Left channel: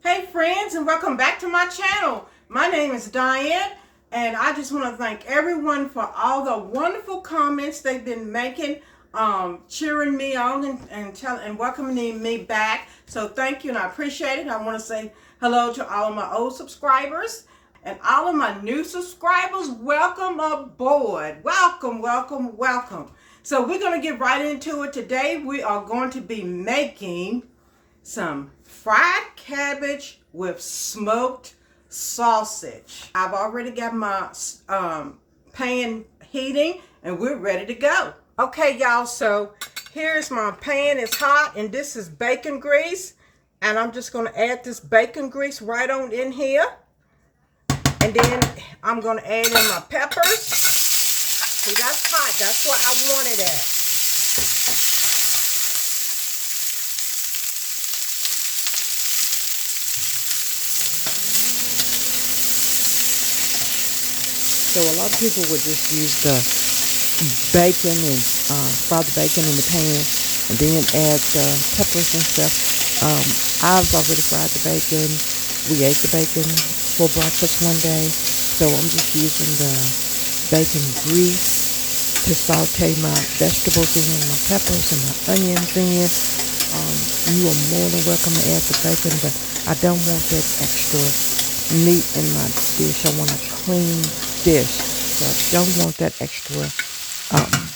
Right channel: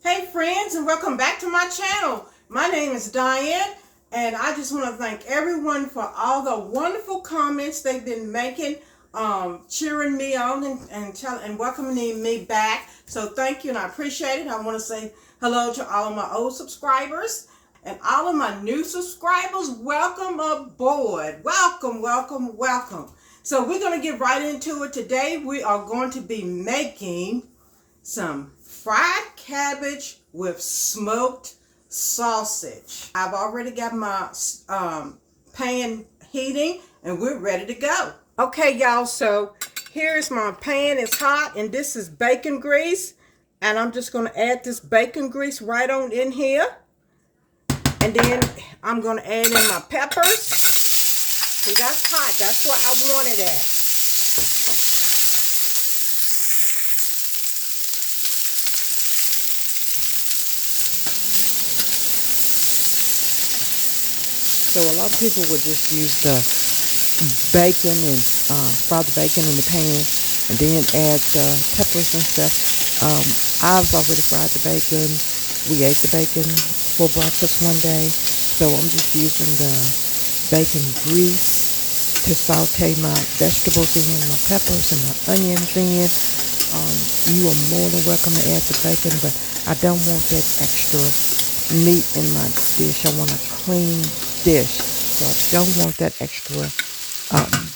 Hey friends, and welcome back to my channel. My name is Diane, and I just want to thank everyone for all the wonderful comments they've been making, cheering me on and welcoming me back. So thank you, and I appreciate it. I want to say hello to all of my old subscribers and all of my new subscribers. Welcome aboard. Welcome, welcome, welcome. So we're going to get right into it. Today we are going to be making some fried cabbage with smoked sausage. I've already got my pan heating and we're ready to go. Okay, y'all, so here's my pan. It's hot and this is bacon grease. And I'm just going to add this bacon grease right on in here. And then I'm going to add in my peppers. See, that's hot. That's where I want it at. So a lot of people would just use the bacon and fry the bacon in the pan and then add the peppers and stuff. I've already fried the bacon. We ate the bacon for breakfast one day. So I'm just using the bacon grease to saute my vegetables in, my peppers and my onions in. You are more than welcome to add the bacon, but I don't want that extra meat in my dish. I want a clean dish, so I don't want that extra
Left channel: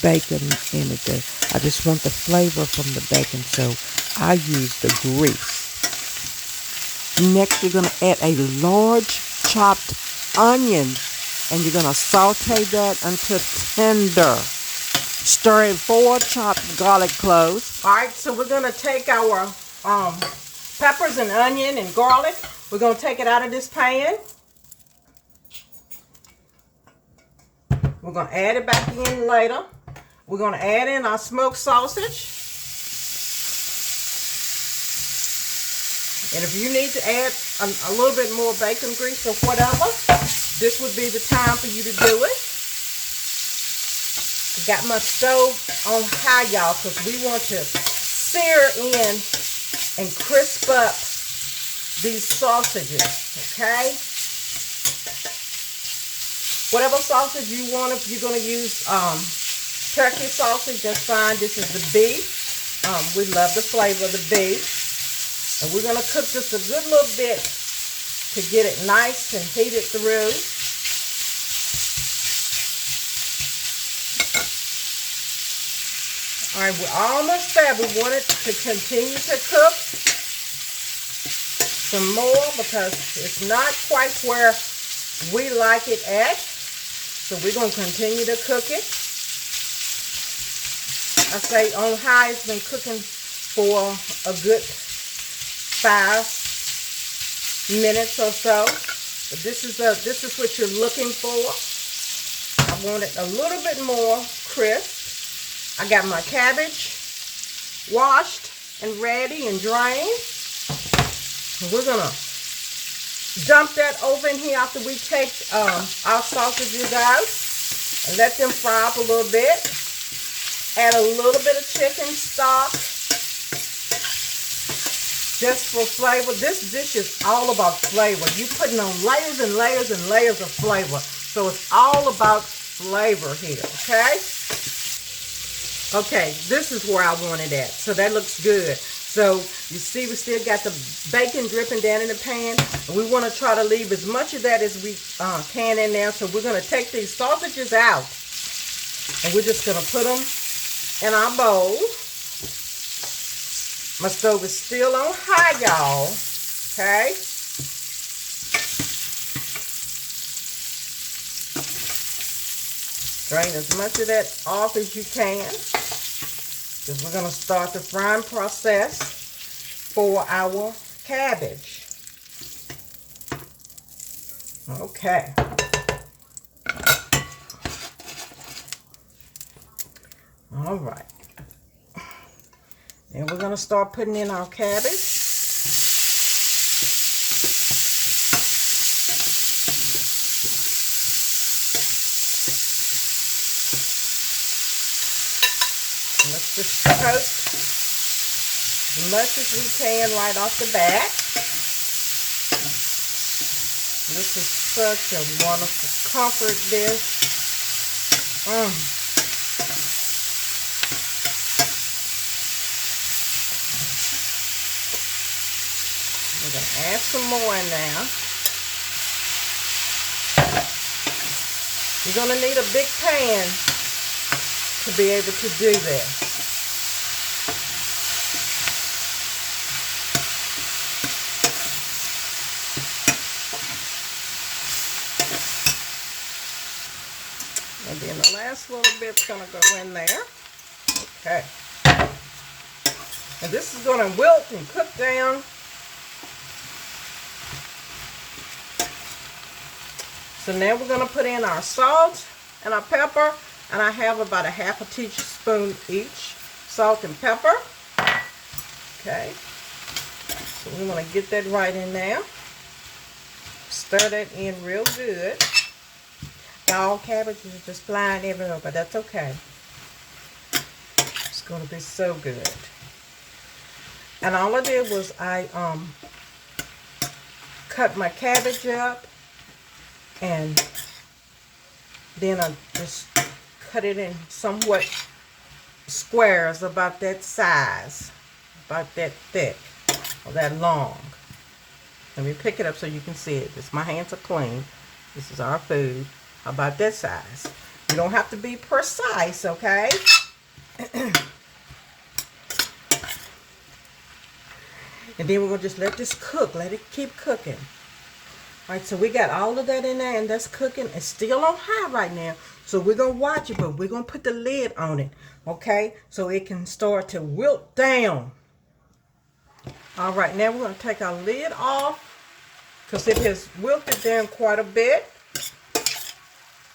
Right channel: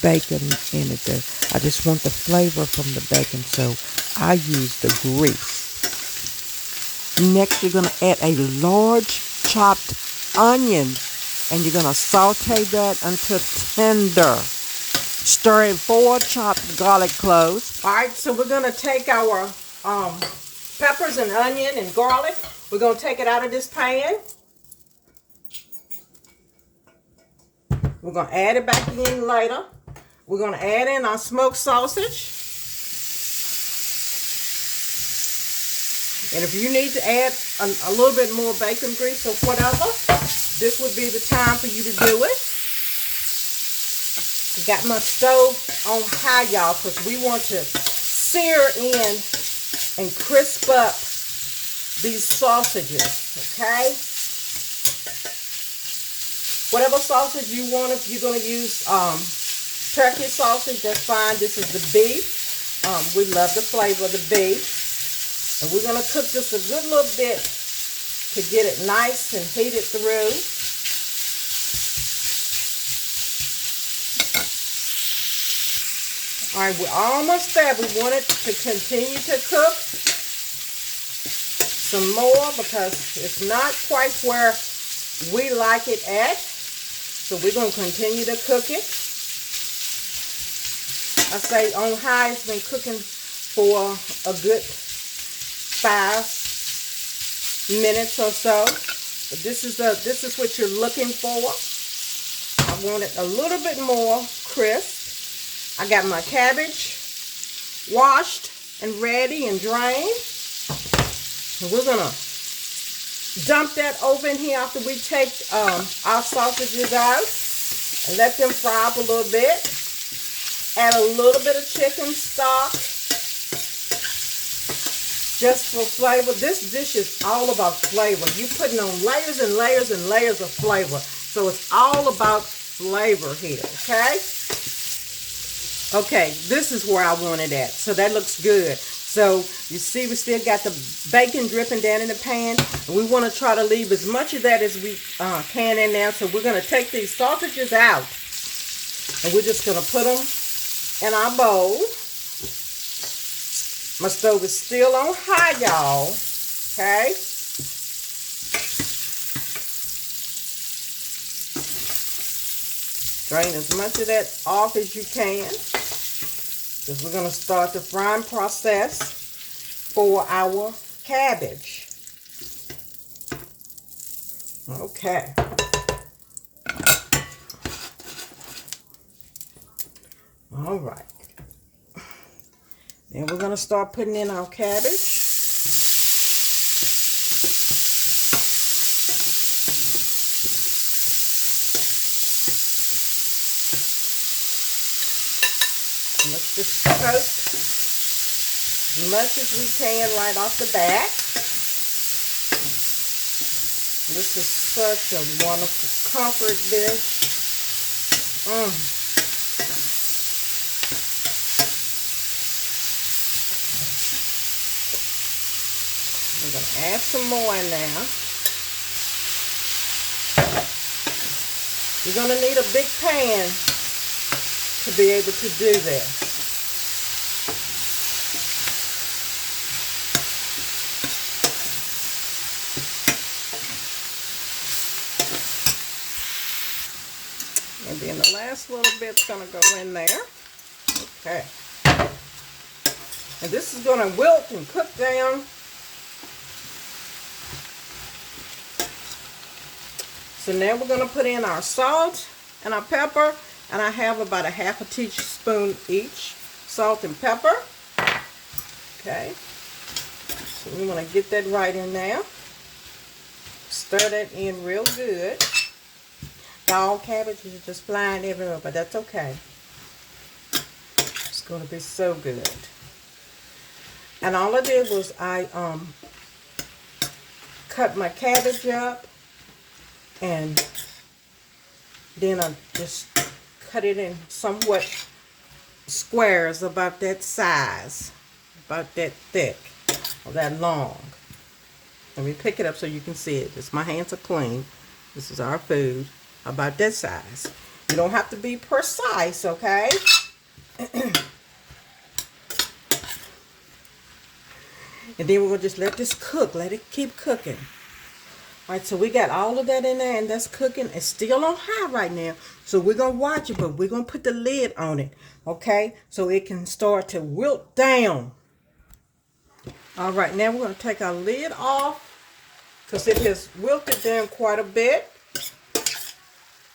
bacon in it. I just want the flavor from the bacon, so I use the grease. Next, you're going to add a large chopped onion, and you're going to saute that until tender. Stir in 4 chopped garlic cloves. All right, so we're going to take our peppers and onion and garlic. We're going to take it out of this pan. We're going to add it back in later. We're going to add in our smoked sausage. And if you need to add a little bit more bacon grease or whatever, this would be the time for you to do it. I got my stove on high, y'all, because we want to sear in and crisp up these sausages, okay? Whatever sausage you want, if you're going to use turkey sausage, that's fine. This is the beef. We love the flavor of the beef. And we're going to cook just a good little bit to get it nice and heated through. All right, we're almost there. We want it to continue to cook some more because it's not quite where we like it at. So we're going to continue to cook it. I say on high, it's been cooking for a good 5 minutes or so. But this is what you're looking for. I want it a little bit more crisp. I got my cabbage washed and ready and drained. And we're going to dump that over in here after we take our sausages out and let them fry up a little bit. Add a little bit of chicken stock just for flavor. This dish is all about flavor. You're putting on layers and layers and layers of flavor. So it's all about flavor here, okay? Okay, this is where I want it at. So that looks good. So you see we still got the bacon dripping down in the pan. And we want to try to leave as much of that as we can in there. So we're going to take these sausages out. And we're just going to put them in our bowl. My stove is still on high, y'all. Okay. Drain as much of that off as you can. Because we're going to start the frying process for our cabbage. Okay. All right. Then we're going to start putting in our cabbage. Let's just toast as much as we can right off the bat. This is such a wonderful comfort dish. We're going to add some more in there. You're going to need a big pan to be able to do this. And then the last little bit's going to go in there. Okay. And this is going to wilt and cook down. So now we're going to put in our salt and our pepper. And I have about a half a teaspoon each. Salt and pepper. Okay. So we're going to get that right in there. Stir that in real good. All cabbage is just flying everywhere, but that's okay. It's going to be so good. And all I did was I cut my cabbage up, and then I just cut it in somewhat squares about that size, about that thick or that long. Let me pick it up so you can see it. Just my hands are clean. This is our food. About that size. You don't have to be precise, okay? And then we're going to just let this cook. Let it keep cooking. All right, so we got all of that in there, and that's cooking. It's still on high right now. So we're going to watch it, but we're going to put the lid on it, okay? So it can start to wilt down. All right, now we're going to take our lid off because it has wilted down quite a bit.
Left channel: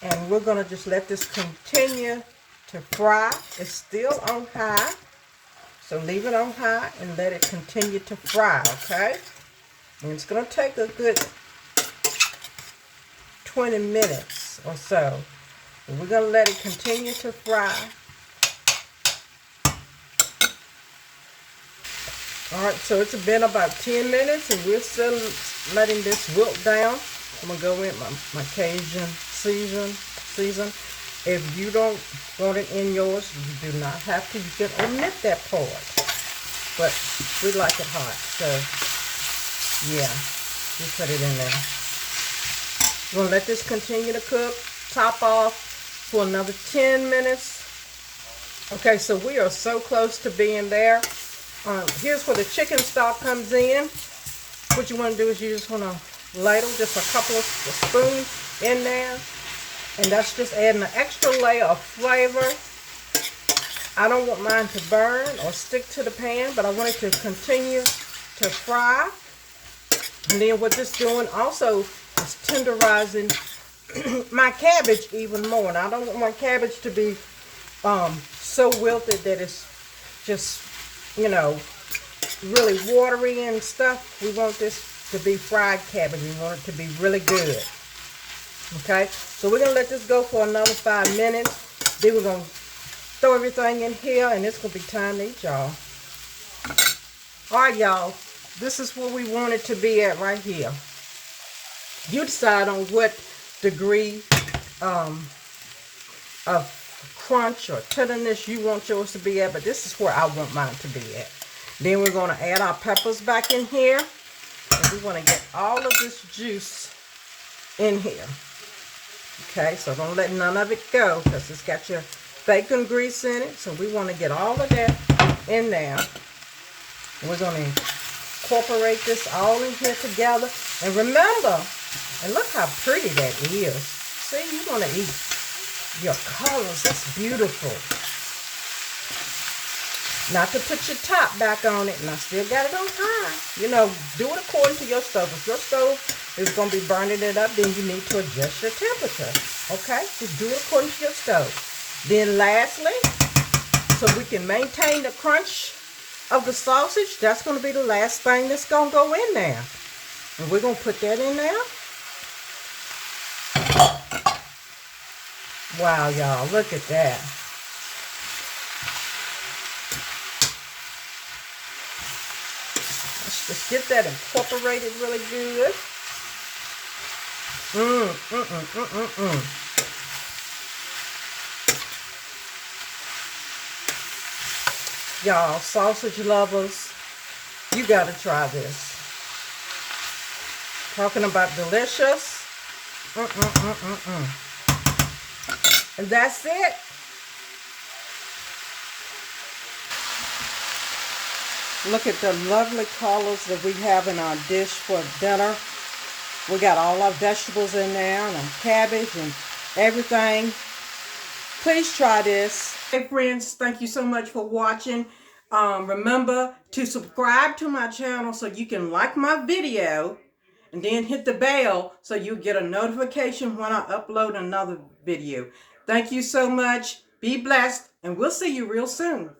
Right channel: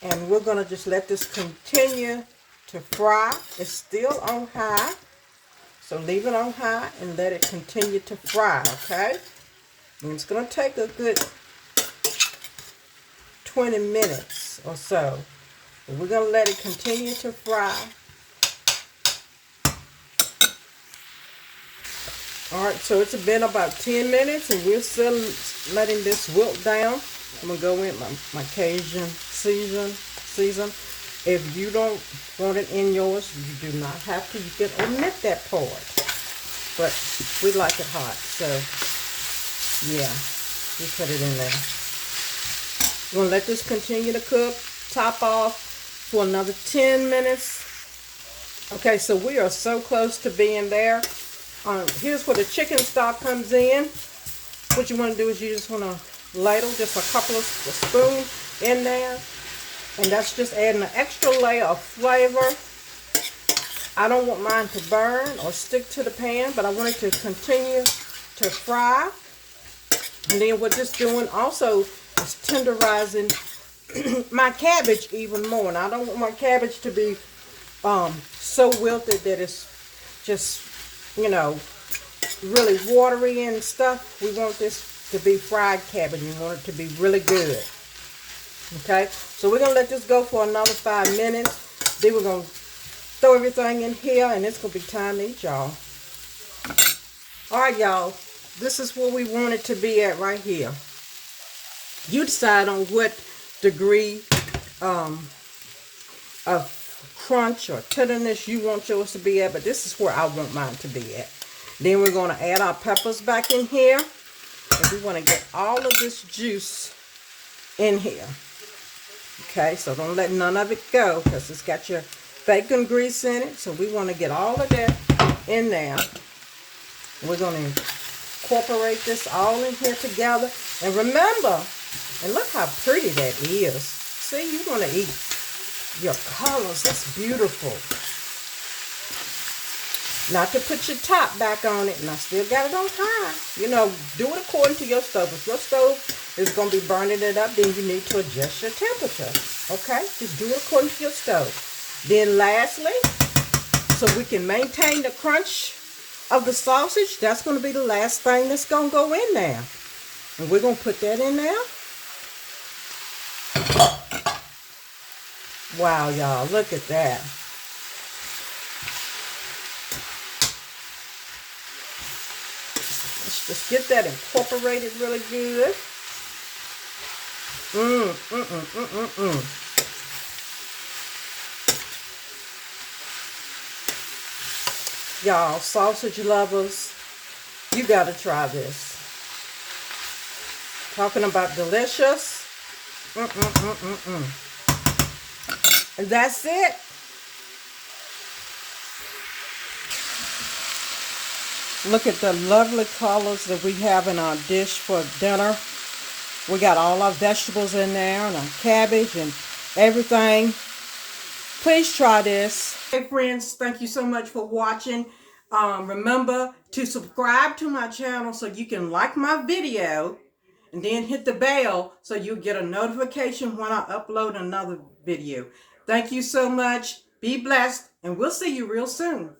And we're going to just let this continue to fry. It's still on high. So leave it on high and let it continue to fry, okay? And it's going to take a good 20 minutes or so. And we're going to let it continue to fry. All right, so it's been about 10 minutes and we're still letting this wilt down. I'm going to go in my Cajun season. If you don't want it in yours, you do not have to. You can omit that part. But we like it hot, so yeah, we put it in there. We're going to let this continue to cook. Top off for another 10 minutes. Okay, so we are so close to being there. Here's where the chicken stock comes in. What you want to do is you just want to ladle just a couple of spoons in there. And that's just adding an extra layer of flavor. I don't want mine to burn or stick to the pan, but I want it to continue to fry. And then what this doing also is tenderizing my cabbage even more. Now I don't want my cabbage to be so wilted that it's just, you know, really watery and stuff. We want this to be fried cabbage. We want it to be really good. Okay, so we're going to let this go for another 5 minutes. Then we're going to throw everything in here, and it's going to be time to eat, y'all. All right, y'all. This is where we want it to be at right here. You decide on what degree of crunch or tenderness you want yours to be at, but this is where I want mine to be at. Then we're going to add our peppers back in here, and we're going to get all of this juice in here. Okay, so don't let none of it go because it's got your bacon grease in it. So we want to get all of that in there. We're going to incorporate this all in here together. And remember, and look how pretty that is. See, you want to eat your colors. That's beautiful. Not to put your top back on it, and I still got it on high. You know, do it according to your stove. If your stove is going to be burning it up, then you need to adjust your temperature. Okay? Just do it according to your stove. Then lastly, so we can maintain the crunch of the sausage, that's going to be the last thing that's going to go in there. And we're going to put that in there. Wow, y'all, look at that. Let's just get that incorporated really good. Y'all, sausage lovers, you gotta try this. Talking about delicious. And that's it. Look at the lovely colors that we have in our dish for dinner. We got all our vegetables in there and our cabbage and everything. Please try this. Hey friends, thank you so much for watching. Remember to subscribe to my channel so you can like my video and then hit the bell so you get a notification when I upload another video. Thank you so much. Be blessed and we'll see you real soon.